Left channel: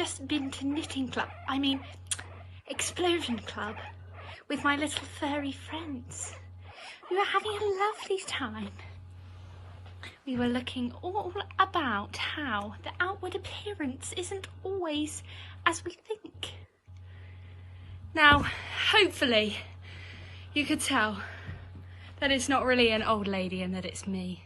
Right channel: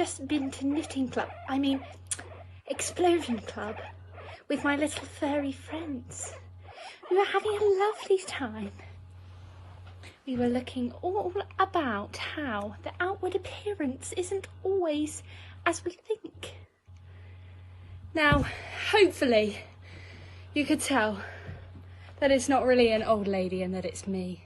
just been to knitting club, explosion club, with my little furry friends. We were having a lovely time. We were looking all about how the outward appearance isn't always as we think. Now, hopefully, you could tell that it's not really an old lady and that it's me.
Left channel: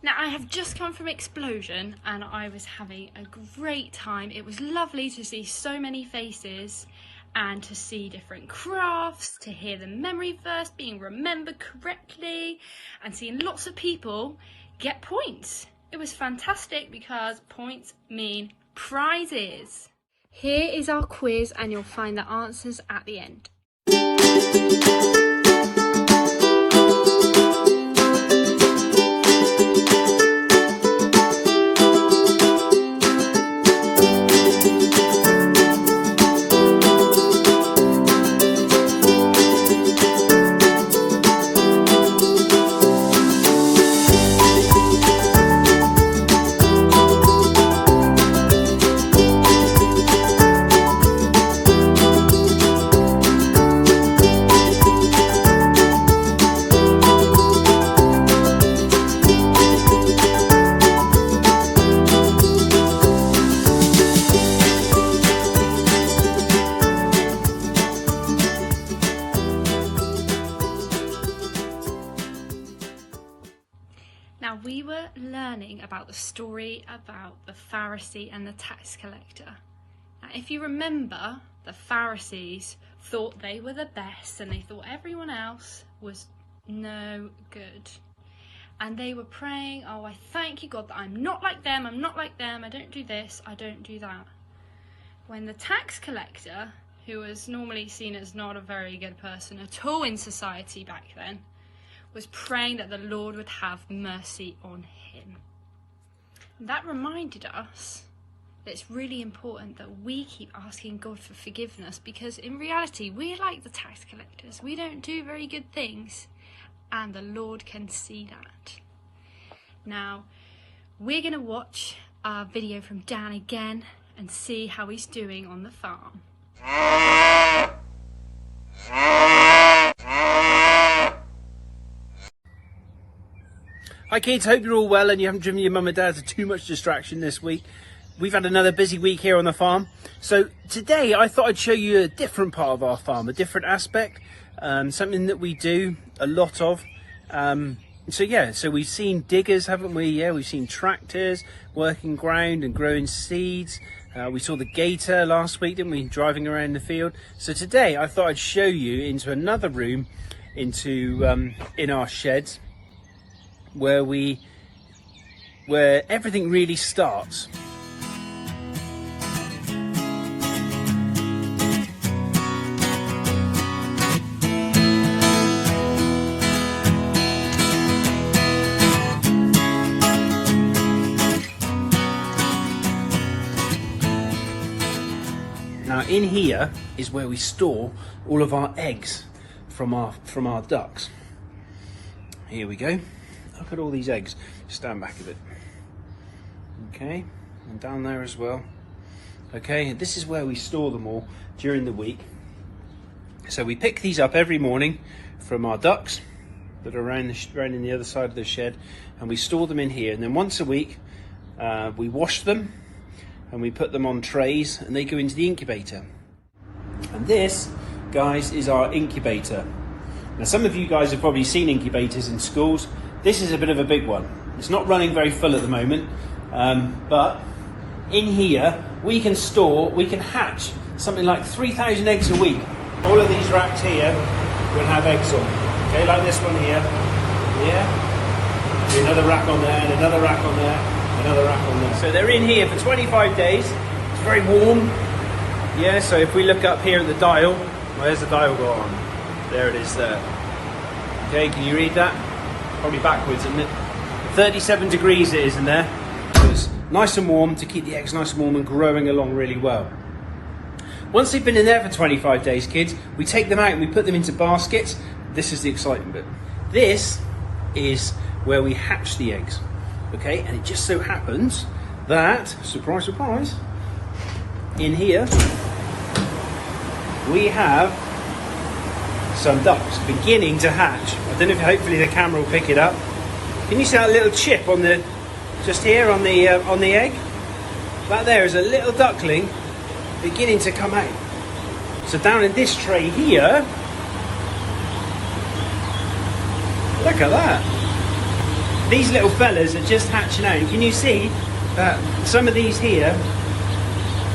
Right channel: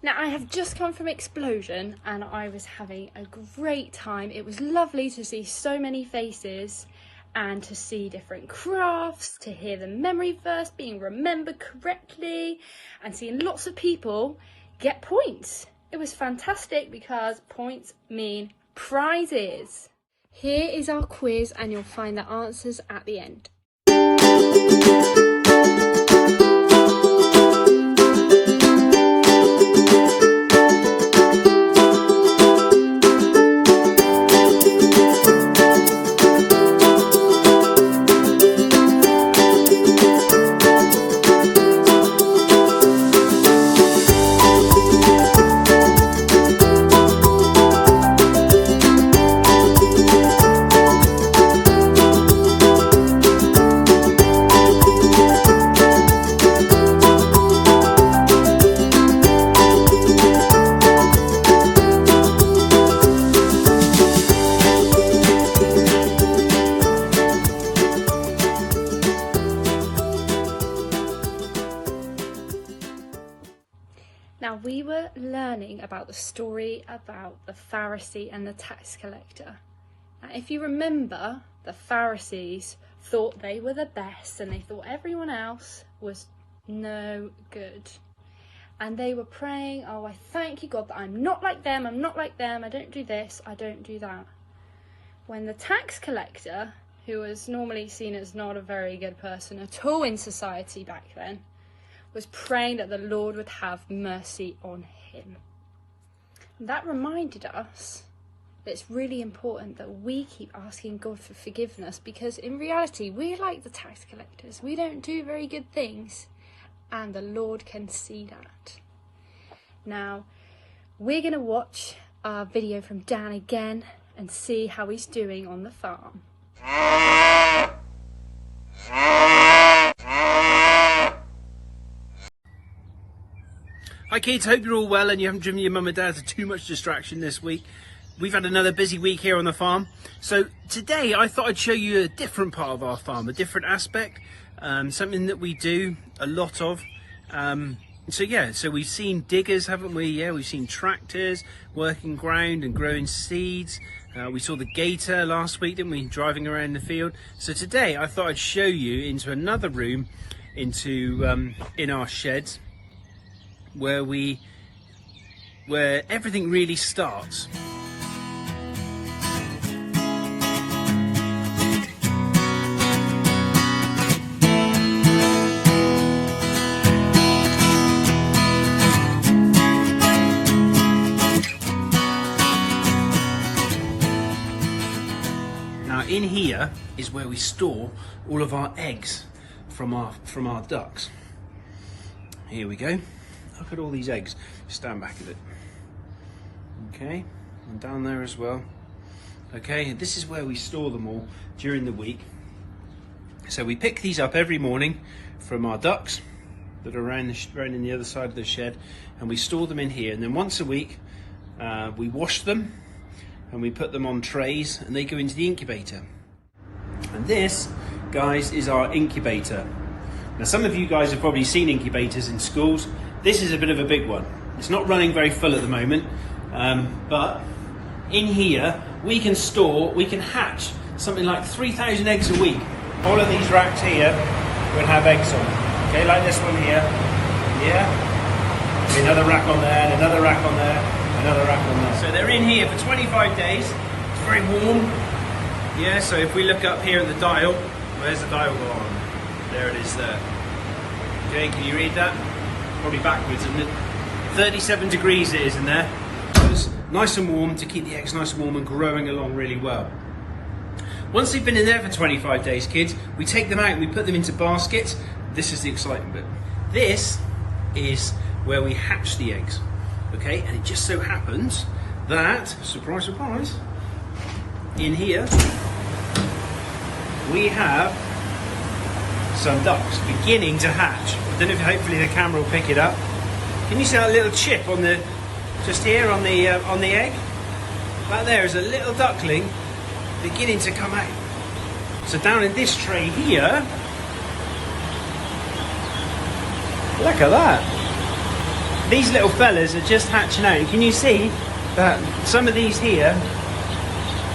Now, I have just come from Explosion and I was having a great time. It was lovely to see so many faces and to see different crafts, to hear the memory verse being remembered correctly, and seeing lots of people get points. It was fantastic because points mean prizes. Here is our quiz and you'll find the answers at the end. Now, we were learning about the story about the Pharisee and the tax collector. Now, if you remember, the Pharisees thought they were the best and they thought everyone else was no good. And they were praying, oh, I thank you, God, that I'm not like them, I don't do this, I don't do that. When the tax collector, who was normally seen as not a very good person at all in society back then, was praying that the Lord would have mercy on him. That reminded us that it's really important that we keep asking God for forgiveness, because in reality we're like the tax collectors. We don't do very good things and the Lord can see that. Now we're going to watch our video from Dan again and see how he's doing on the farm. Hi kids, hope you're all well and you haven't driven your mum and dad to too much distraction this week. We've had another busy week here on the farm. So today I thought I'd show you a different part of our farm, a different aspect, something that we do a lot of. So we've seen diggers, haven't we? Yeah, we've seen tractors working ground and growing seeds. We saw the gator last week, didn't we, driving around the field. So today I thought I'd show you into another room, in our sheds, where everything really starts. Now in here is where we store all of our eggs from our ducks. Here we go. Look at all these eggs. Stand back a bit. Okay, and down there as well. Okay, and this is where we store them all during the week. So we pick these up every morning from our ducks that are around in the other side of the shed, and we store them in here. And then once a week, we wash them and we put them on trays, and they go into the incubator. And this, guys, is our incubator. Now, some of you guys have probably seen incubators in schools. This is a bit of a big one. It's not running very full at the moment, but in here we can hatch something like 3,000 eggs a week. All of these racks here will have eggs on. Okay, like this one here. Yeah. Another rack on there, and another rack on there, another rack on there. So they're in here for 25 days. It's very warm. Yeah. So if we look up here at the dial, where's the dial go on? There it is there. Okay, can you read that? Probably backwards, isn't it? 37 degrees it is in there. So it's nice and warm to keep the eggs nice and warm and growing along really well. Once they've been in there for 25 days, kids, we take them out and we put them into baskets. This is the exciting bit. This is where we hatch the eggs. Okay, and it just so happens that, surprise, surprise, in here we have some ducks beginning to hatch. I don't know if hopefully the camera will pick it up. Can you see that little chip on the, just here on the egg? That there is a little duckling beginning to come out. So down in this tray here, look at that. These little fellas are just hatching out. Can you see that some of these here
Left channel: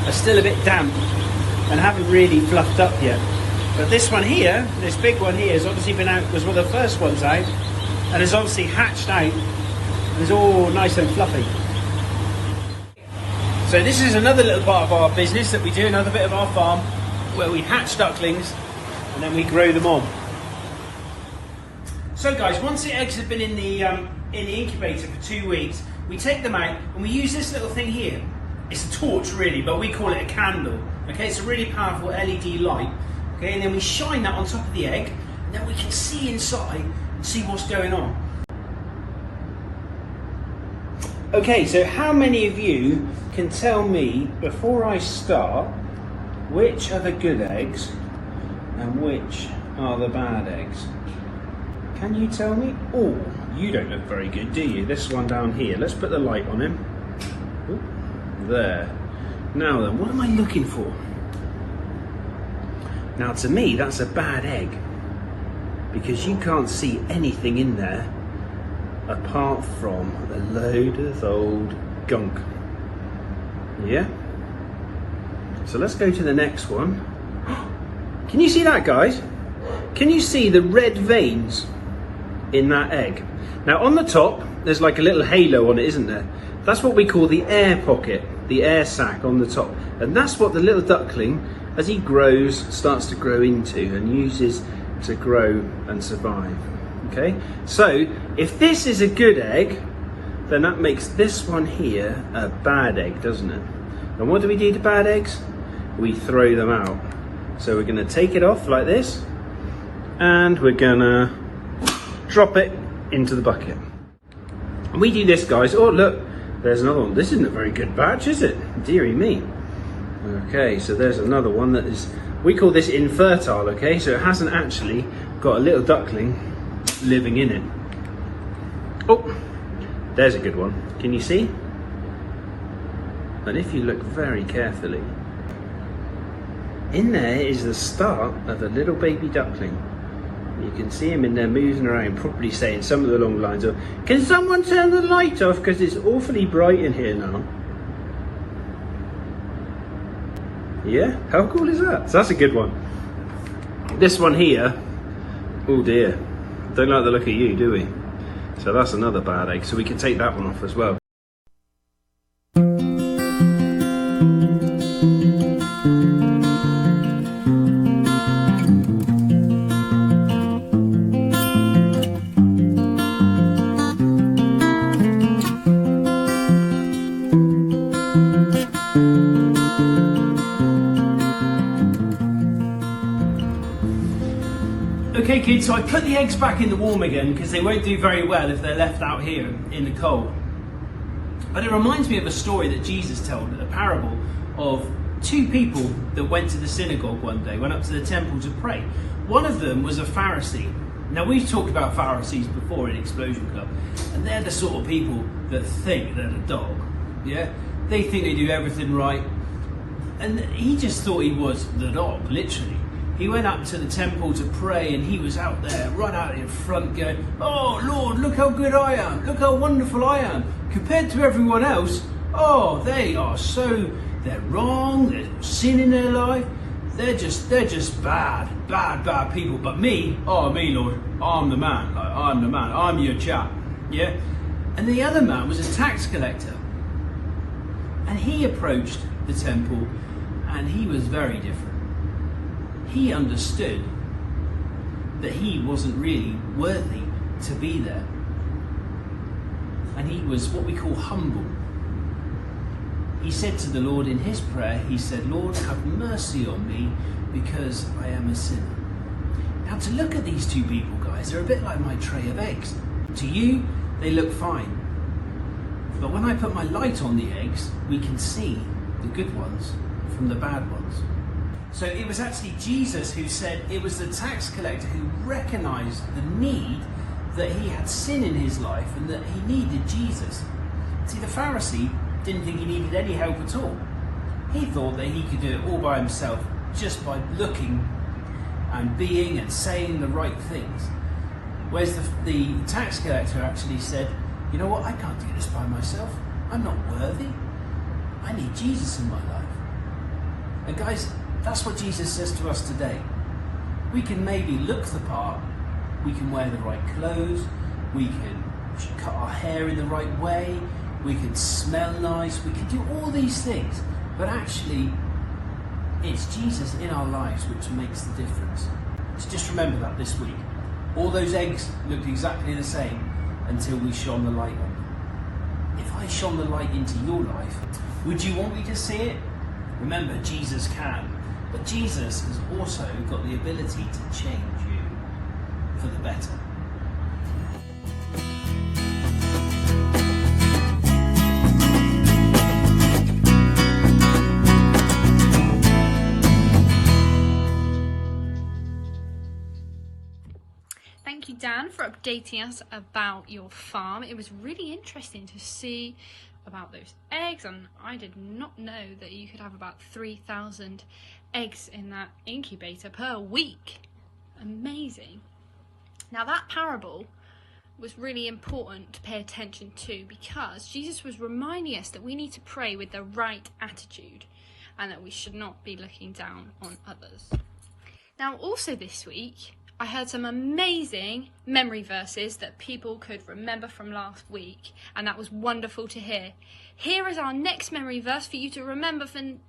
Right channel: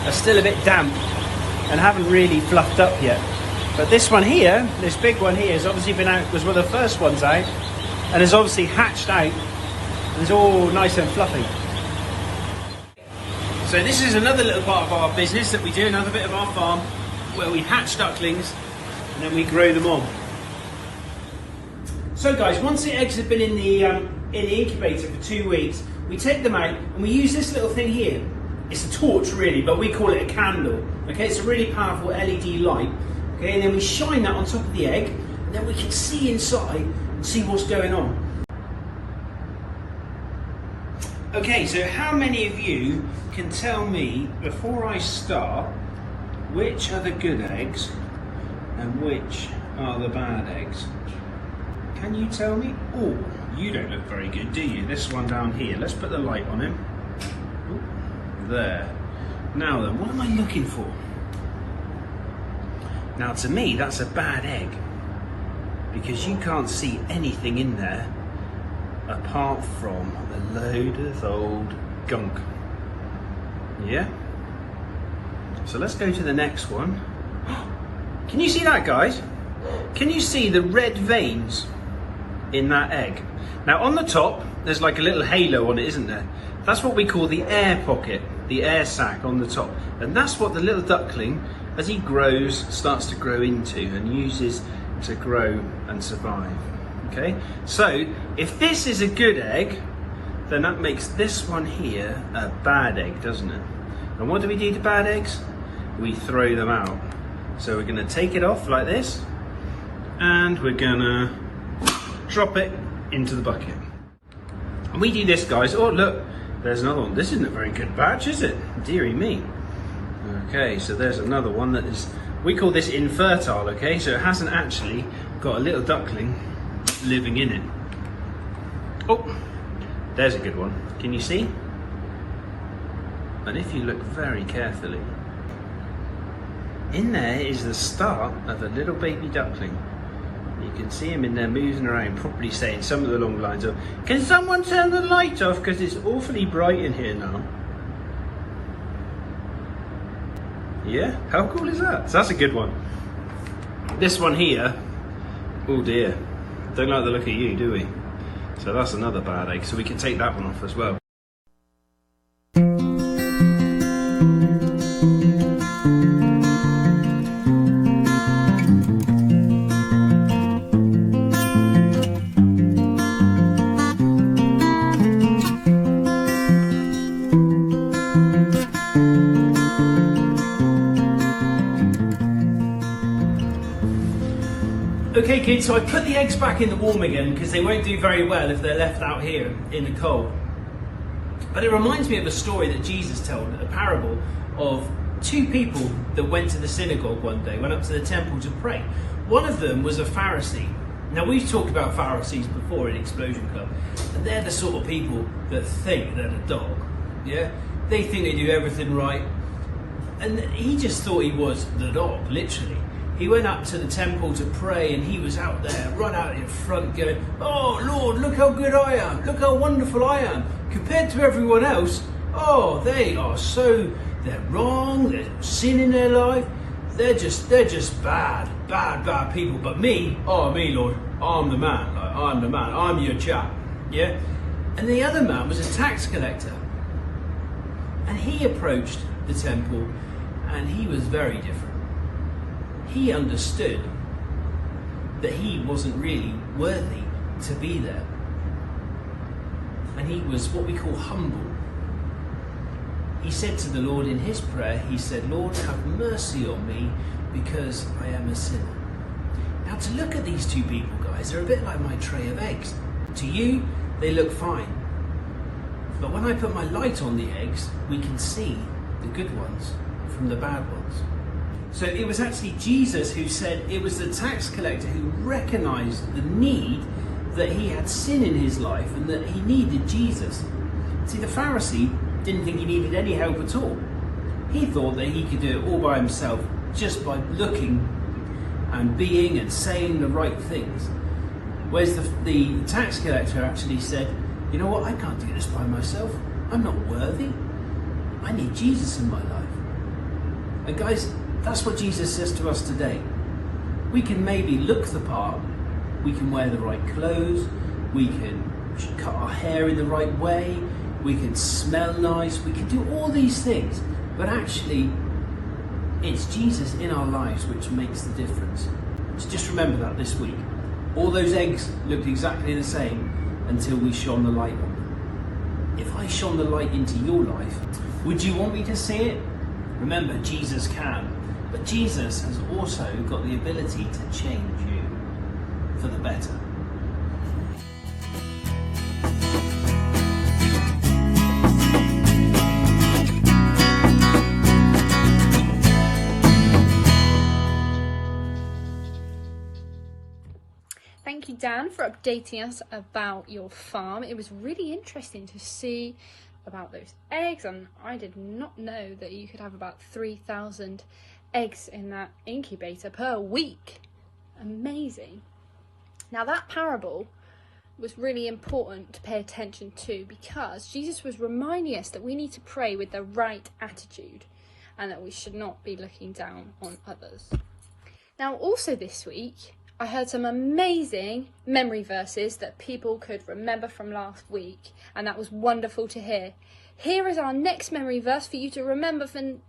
are still a bit damp and haven't really fluffed up yet? But this one here, this big one here, has obviously been out, was one of the first ones out, and has obviously hatched out. It's all nice and fluffy. So this is another little part of our business that we do, another bit of our farm, where we hatch ducklings and then we grow them on. So guys, once the eggs have been in the incubator for 2 weeks, we take them out and we use this little thing here. It's a torch really, but we call it a candle. Okay, it's a really powerful LED light. Okay, and then we shine that on top of the egg, and then we can see inside and see what's going on. Okay, so how many of you can tell me, before I start, which are the good eggs and which are the bad eggs? Can you tell me? Oh, you don't look very good, do you? This one down here. Let's put the light on him. Ooh, there. Now then, what am I looking for? Now to me, that's a bad egg, because you can't see anything in there apart from a load of old gunk. Yeah? So let's go to the next one. Can you see that, guys? Can you see the red veins in that egg? Now on the top, there's like a little halo on it, isn't there? That's what we call the air pocket, the air sac on the top. And that's what the little duckling, as he grows, starts to grow into and uses to grow and survive. Okay, so if this is a good egg, then that makes this one here a bad egg, doesn't it? And what do we do to bad eggs? We throw them out. So we're going to take it off like this, and we're going to drop it into the bucket. And we do this, guys. Oh look, there's another one. This isn't a very good batch, is it? Dearie me. Okay, so there's another one that is, we call this infertile, okay? So it hasn't actually got a little duckling living in it. Oh, there's a good one. Can you see? And if you look very carefully, in there is the start of a little baby duckling. You can see him in there moving around, probably saying some of the long lines of, "Can someone turn the light off because it's awfully bright in here now?" Yeah, how cool is that? So that's a good one. This one here, oh dear, don't like the look of you, do we? So that's another bad egg, so we can take that one off as well. Okay kids, so I put the eggs back in the warm again because they won't do very well if they're left out here in the cold. But it reminds me of a story that Jesus told, a parable of two people that went to the synagogue one day, went up to the temple to pray. One of them was a Pharisee. Now we've talked about Pharisees before in Explosion Club, and they're the sort of people that think they're the dog. Yeah, they think they do everything right, and he just thought he was the dog, literally. He went up to the temple to pray, and he was out there, run out in front going, "Oh Lord, look how good I am, look how wonderful I am. Compared to everyone else, oh, they're wrong, there's sin in their life, they're just bad people. But me, oh me Lord, I'm the man, I'm your chap." Yeah? And the other man was a tax collector. And he approached the temple, and he was very different. He understood that he wasn't really worthy to be there. And he was what we call humble. He said to the Lord in his prayer, he said, "Lord, have mercy on me because I am a sinner." Now to look at these two people, guys, they're a bit like my tray of eggs. To you, they look fine. But when I put my light on the eggs, we can see the good ones. from the bad ones. So it was actually Jesus who said it was the tax collector who recognised the need that he had sin in his life and that he needed Jesus. See, the Pharisee didn't think he needed any help at all. He thought that he could do it all by himself just by looking and being and saying the right things. Whereas the tax collector actually said, you know what, I can't do this by myself. I'm not worthy. I need Jesus in my life. And guys, that's what Jesus says to us today. We can maybe look the part, we can wear the right clothes, we can cut our hair in the right way, we can smell nice, we can do all these things, but actually it's Jesus in our lives which makes the difference. So just remember that this week. All those eggs looked exactly the same until we shone the light on them. If I shone the light into your life, would you want me to see it? Remember, Jesus can, but Jesus has also got the ability to change you for the better. Thank you, Dan, for updating us about your farm. It was really interesting to see about those eggs, and I did not know that you could have about 3,000 eggs in that incubator per week. Amazing. Now, that parable was really important to pay attention to because Jesus was reminding us that we need to pray with the right attitude and that we should not be looking down on others. Now, also this week, I heard some amazing memory verses that people could remember from last week, and that was wonderful to hear. Here is our next memory verse for you to remember for 2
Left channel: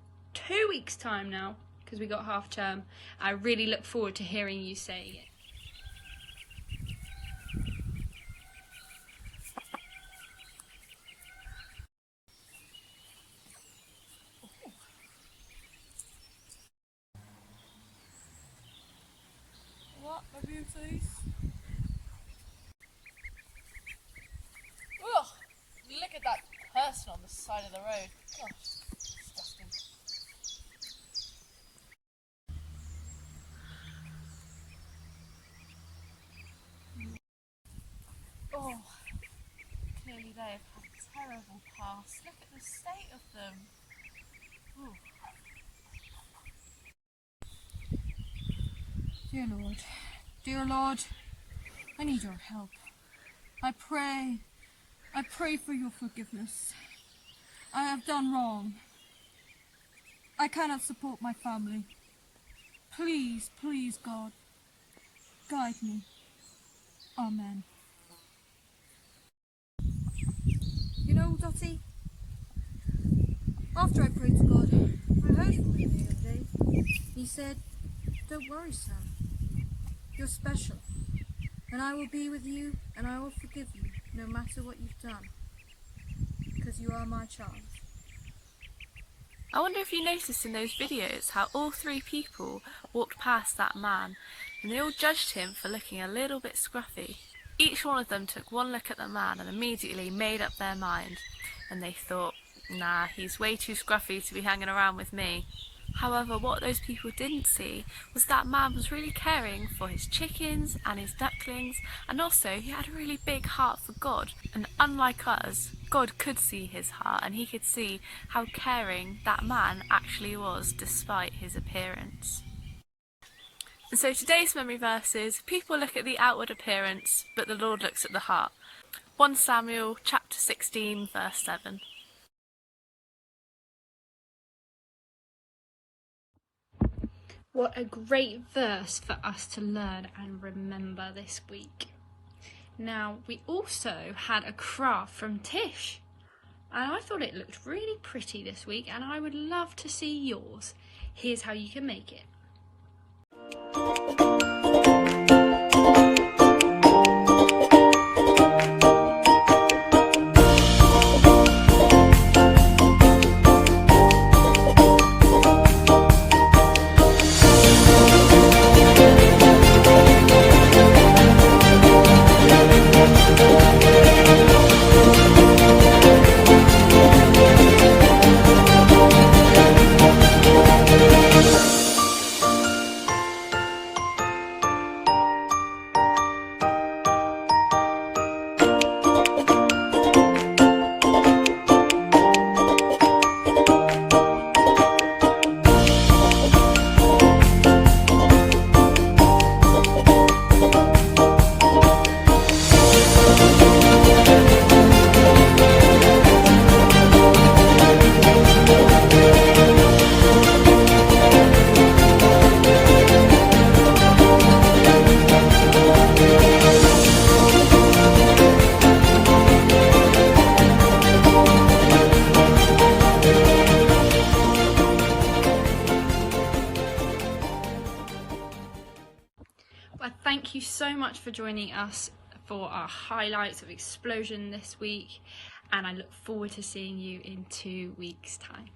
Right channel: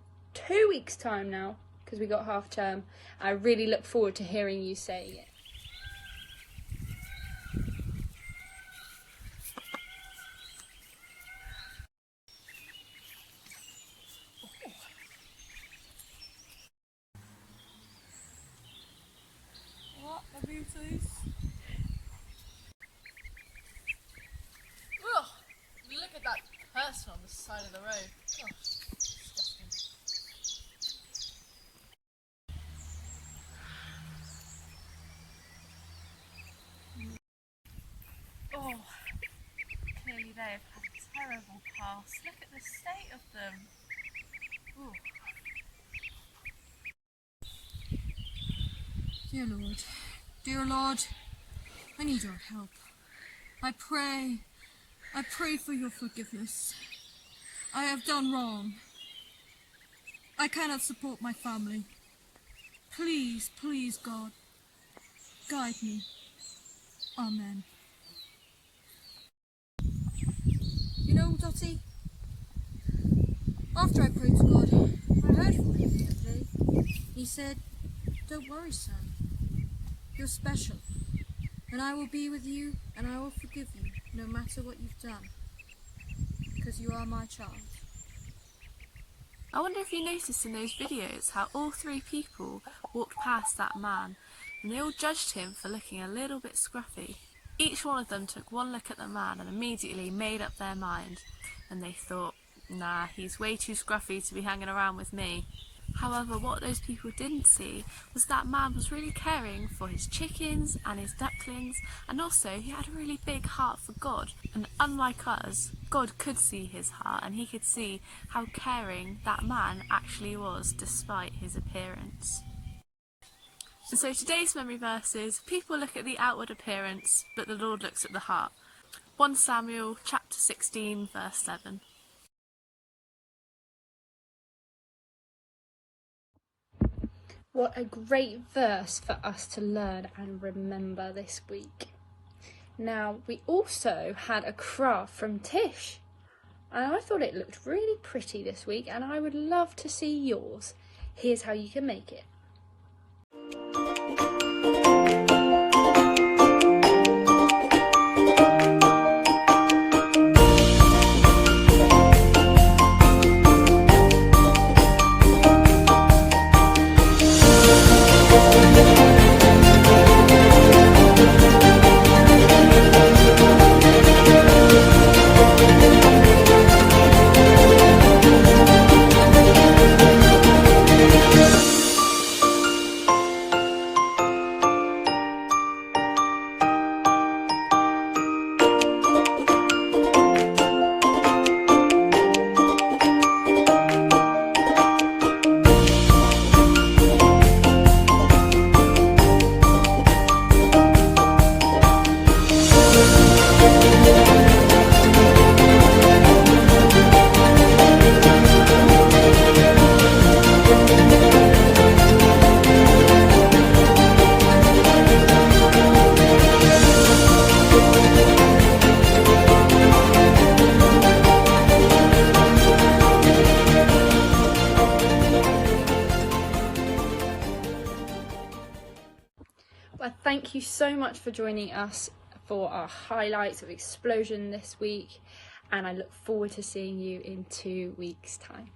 weeks' time now, because we got half term. I really look forward to hearing you saying it. What, my beauties? Ugh, look at that person on the side of the road. Oh, disgusting. Oh, clearly they have had a terrible past. Look at the state of them. Ooh. Dear Lord, I need your help. I pray for your forgiveness. I have done wrong. I cannot support my family. Please, please, God, guide me. Amen. You know, Dottie, after I prayed to God, I heard from him the other day. He said, don't worry, son. You're special, and I will be with you, and I will forgive you, no matter what you've done, because you are my child. I wonder if you noticed in those videos how all three people walked past that man, and they all judged him for looking a little bit scruffy. Each one of them took one look at the man and immediately made up their mind, and they thought, nah, he's way too scruffy to be hanging around with me. However, what those people didn't see was that man was really caring for his chickens and his ducklings, and also he had a really big heart for God. And unlike us, God could see his heart, and he could see how caring that man actually was despite his appearance. And so today's memory verse is, people look at the outward appearance, but the Lord looks at the heart. 1 Samuel chapter 16 verse 7. What a great verse for us to learn and remember this week. Now, we also had a craft from Tish, and I thought it looked really pretty this week, and I would love to see yours. Here's how you can make it. thank you so much for joining us for our highlights of Explosion this week, and I look forward to seeing you in 2 weeks' time.